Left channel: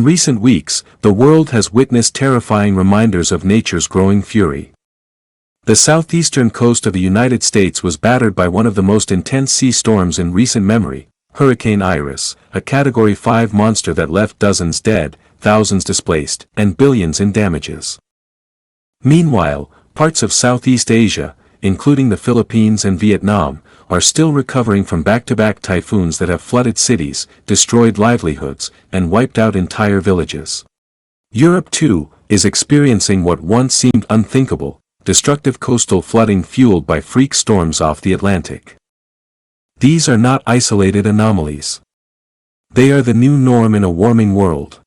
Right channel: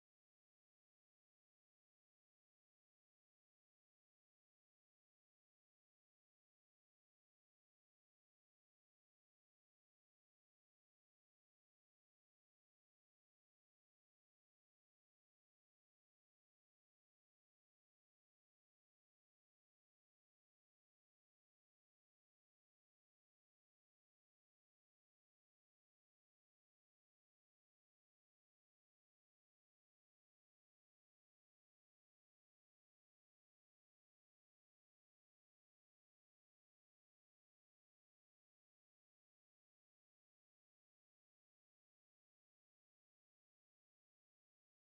In recent weeks, the world has witnessed terrifying reminders of nature's growing fury. The southeastern coast of the United States was battered by one of the most intense sea storms in recent memory, Hurricane Iris, a Category 5 monster that left dozens dead, thousands displaced, and billions in damages. Meanwhile, parts of Southeast Asia, including the Philippines and Vietnam, are still recovering from back-to-back typhoons that have flooded cities, destroyed livelihoods, and wiped out entire villages. Europe, too, is experiencing what once seemed unthinkable, destructive coastal flooding fueled by freak storms off the Atlantic. These are not isolated anomalies. They are the new norm in a warming world.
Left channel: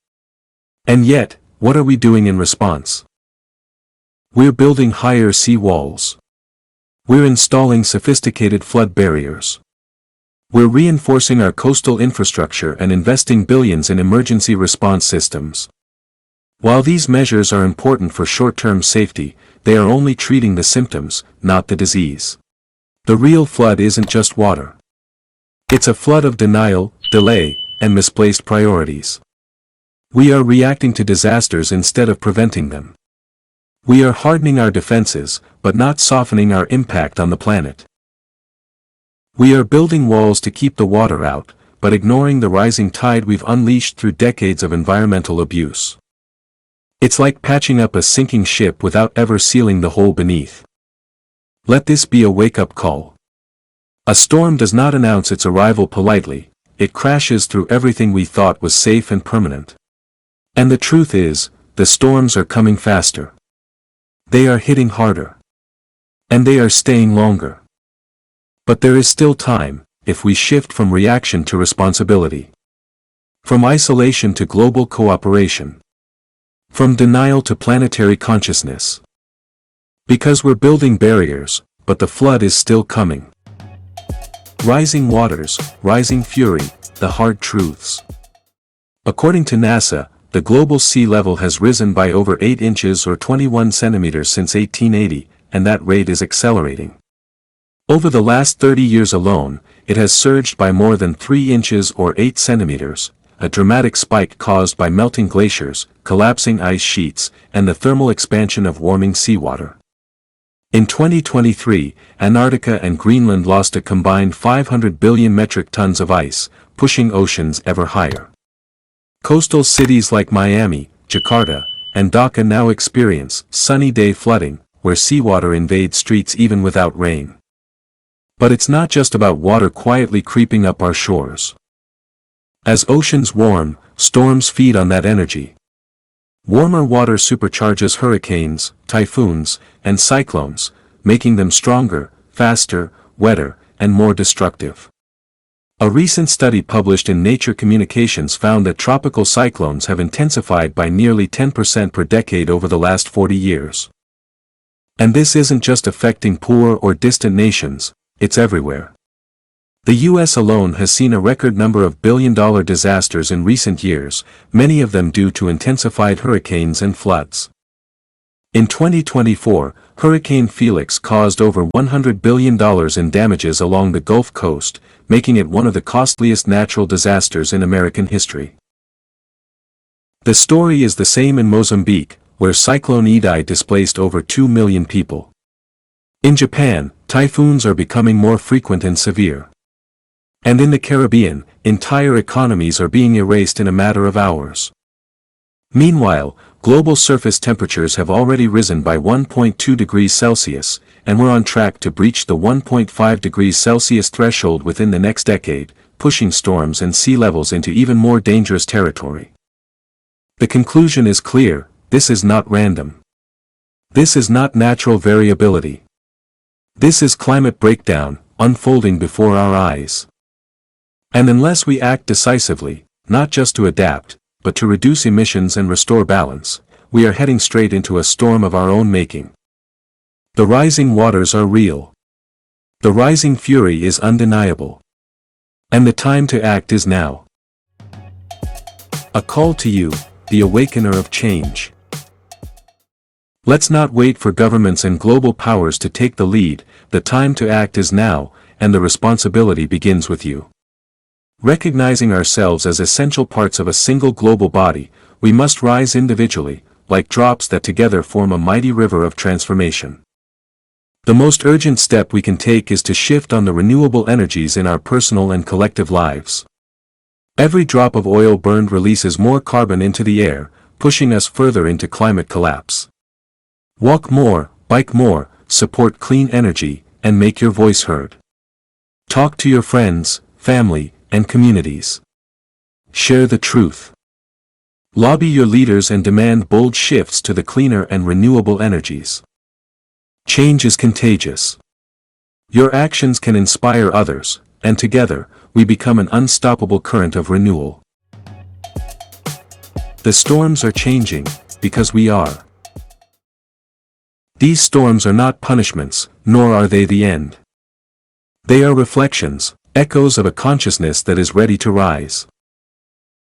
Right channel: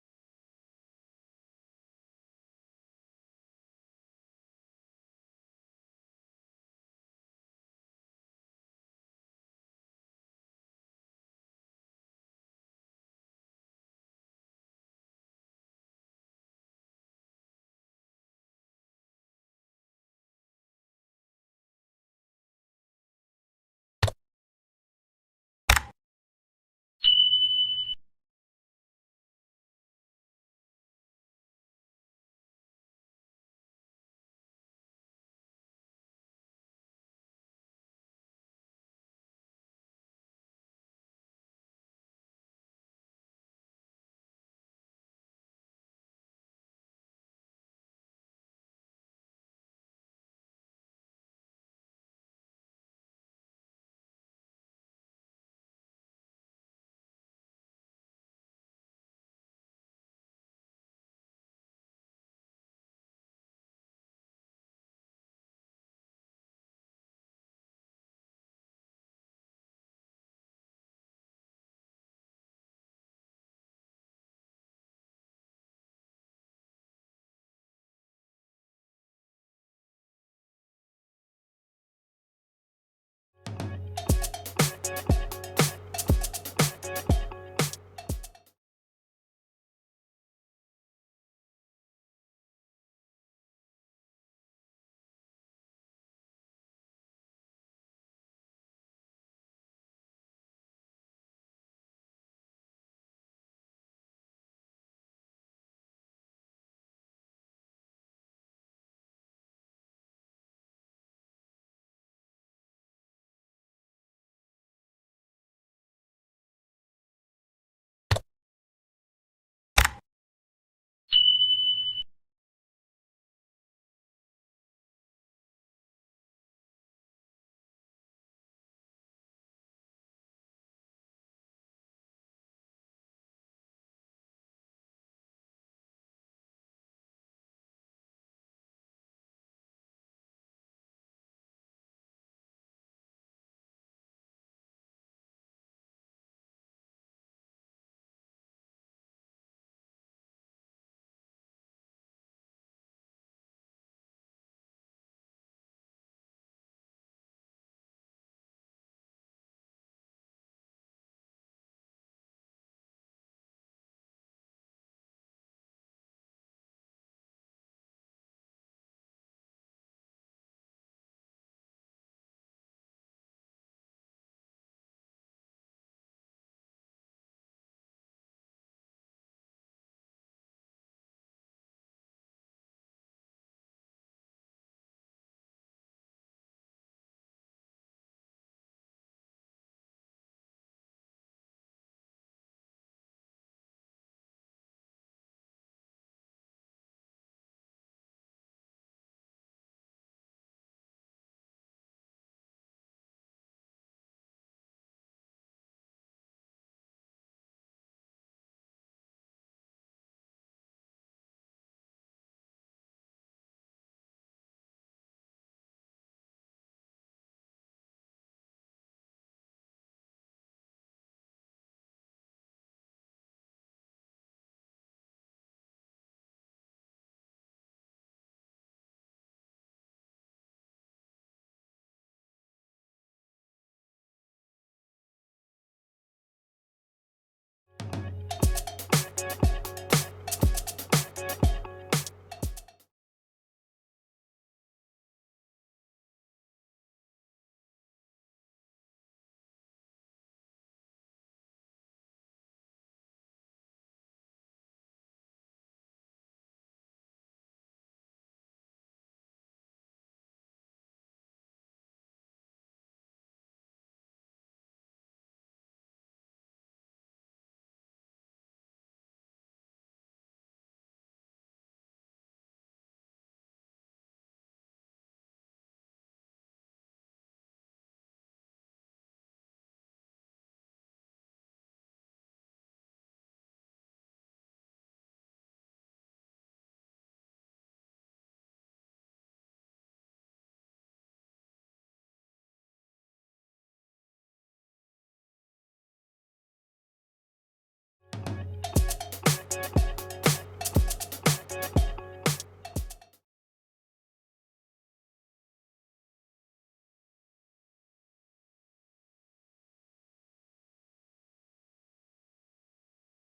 And yet, what are we doing in response? We're building higher sea walls. We're installing sophisticated flood barriers. We're reinforcing our coastal infrastructure and investing billions in emergency response systems. While these measures are important for short-term safety, they are only treating the symptoms, not the disease. The real flood isn't just water. It's a flood of denial, delay, and misplaced priorities. We are reacting to disasters instead of preventing them. We are hardening our defenses, but not softening our impact on the planet. We are building walls to keep the water out, but ignoring the rising tide we've unleashed through decades of environmental abuse. It's like patching up a sinking ship without ever sealing the hole beneath. Let this be a wake-up call. A storm does not announce its arrival politely, it crashes through everything we thought was safe and permanent. And the truth is, the storms are coming faster. They are hitting harder. And they are staying longer. But there is still time, if we shift from reaction to responsibility. From isolation to global cooperation. From denial to planetary consciousness. Because we're building barriers, but the flood is still coming. Rising waters, rising fury, the hard truths. According to NASA, the global sea level has risen by over 8 inches or 21 centimeters since 1880, and that rate is accelerating. Over the last 30 years alone, it has surged by more than 3 inches or 8 centimeters, a dramatic spike caused by melting glaciers, collapsing ice sheets, and the thermal expansion of warming seawater. In 2023, Antarctica and Greenland lost a combined 500 billion metric tons of ice, pushing oceans ever higher. Coastal cities like Miami, Jakarta, and Dhaka now experience sunny day flooding, where seawater invades streets even without rain. But it's not just about water quietly creeping up our shores. As oceans warm, storms feed on that energy. Warmer water supercharges hurricanes, typhoons, and cyclones, making them stronger, faster, wetter, and more destructive. A recent study published in Nature Communications found that tropical cyclones have intensified by nearly 10% per decade over the last 40 years. And this isn't just affecting poor or distant nations, it's everywhere. The U.S. alone has seen a record number of billion-dollar disasters in recent years, many of them due to intensified hurricanes and floods. In 2024, Hurricane Felix caused over $100 billion in damages along the Gulf Coast, making it one of the costliest natural disasters in American history. The story is the same in Mozambique, where Cyclone Idai displaced over 2 million people. In Japan, typhoons are becoming more frequent and severe. And in the Caribbean, entire economies are being erased in a matter of hours. Meanwhile, global surface temperatures have already risen by 1.2 degrees Celsius, and we're on track to breach the 1.5 degrees Celsius threshold within the next decade, pushing storms and sea levels into even more dangerous territory. The conclusion is clear: this is not random. This is not natural variability. This is climate breakdown, unfolding before our eyes. And unless we act decisively, not just to adapt, but to reduce emissions and restore balance, we are heading straight into a storm of our own making. The rising waters are real. The rising fury is undeniable. And the time to act is now. A call to you, the awakener of change. Let's not wait for governments and global powers to take the lead, the time to act is now, and the responsibility begins with you. Recognizing ourselves as essential parts of a single global body, we must rise individually, like drops that together form a mighty river of transformation. The most urgent step we can take is to shift on the renewable energies in our personal and collective lives. Every drop of oil burned releases more carbon into the air, pushing us further into climate collapse. Walk more, bike more, support clean energy, and make your voice heard. Talk to your friends, family, and communities. Share the truth. Lobby your leaders and demand bold shifts to the cleaner and renewable energies. Change is contagious. Your actions can inspire others, and together, we become an unstoppable current of renewal. The storms are changing, because we are. These storms are not punishments, nor are they the end. They are reflections, echoes of a consciousness that is ready to rise.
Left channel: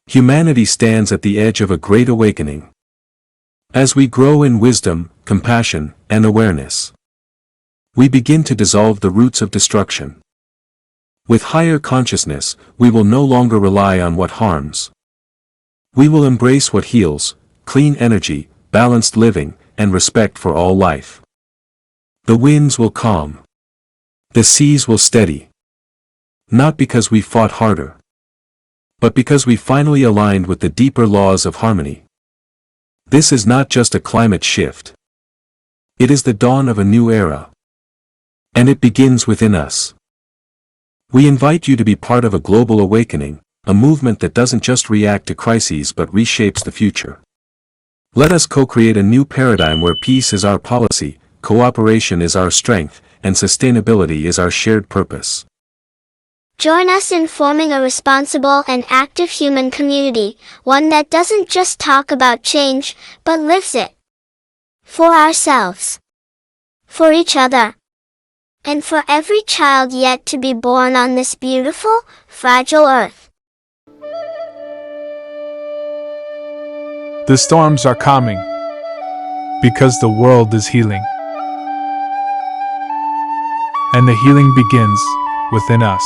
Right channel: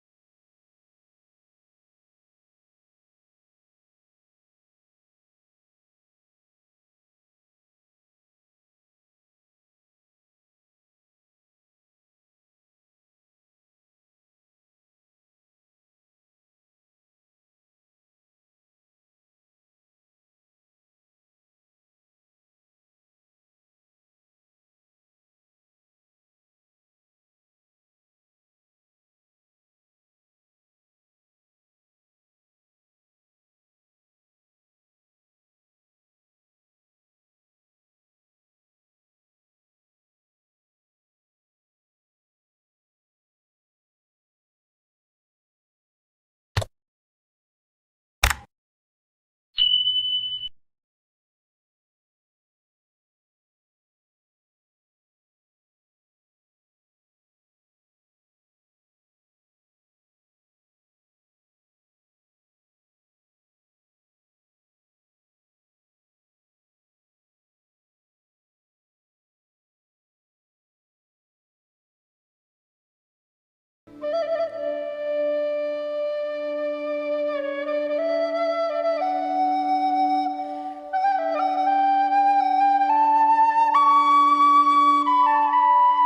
Humanity stands at the edge of a great awakening. As we grow in wisdom, compassion, and awareness, we begin to dissolve the roots of destruction. With higher consciousness, we will no longer rely on what harms. We will embrace what heals, clean energy, balanced living, and respect for all life. The winds will calm. The seas will steady. Not because we fought harder, but because we finally aligned with the deeper laws of harmony. This is not just a climate shift. It is the dawn of a new era. And it begins within us. We invite you to be part of a global awakening, a movement that doesn't just react to crises but reshapes the future. Let us co-create a new paradigm where peace is our policy, cooperation is our strength, and sustainability is our shared purpose. Join us in forming a responsible and active human community, one that doesn't just talk about change, but lives it. For ourselves. For each other. And for every child yet to be born on this beautiful, fragile earth. The storms are calming, because the world is healing. And the healing begins within us.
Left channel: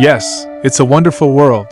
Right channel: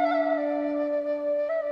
Yes, it's a wonderful world,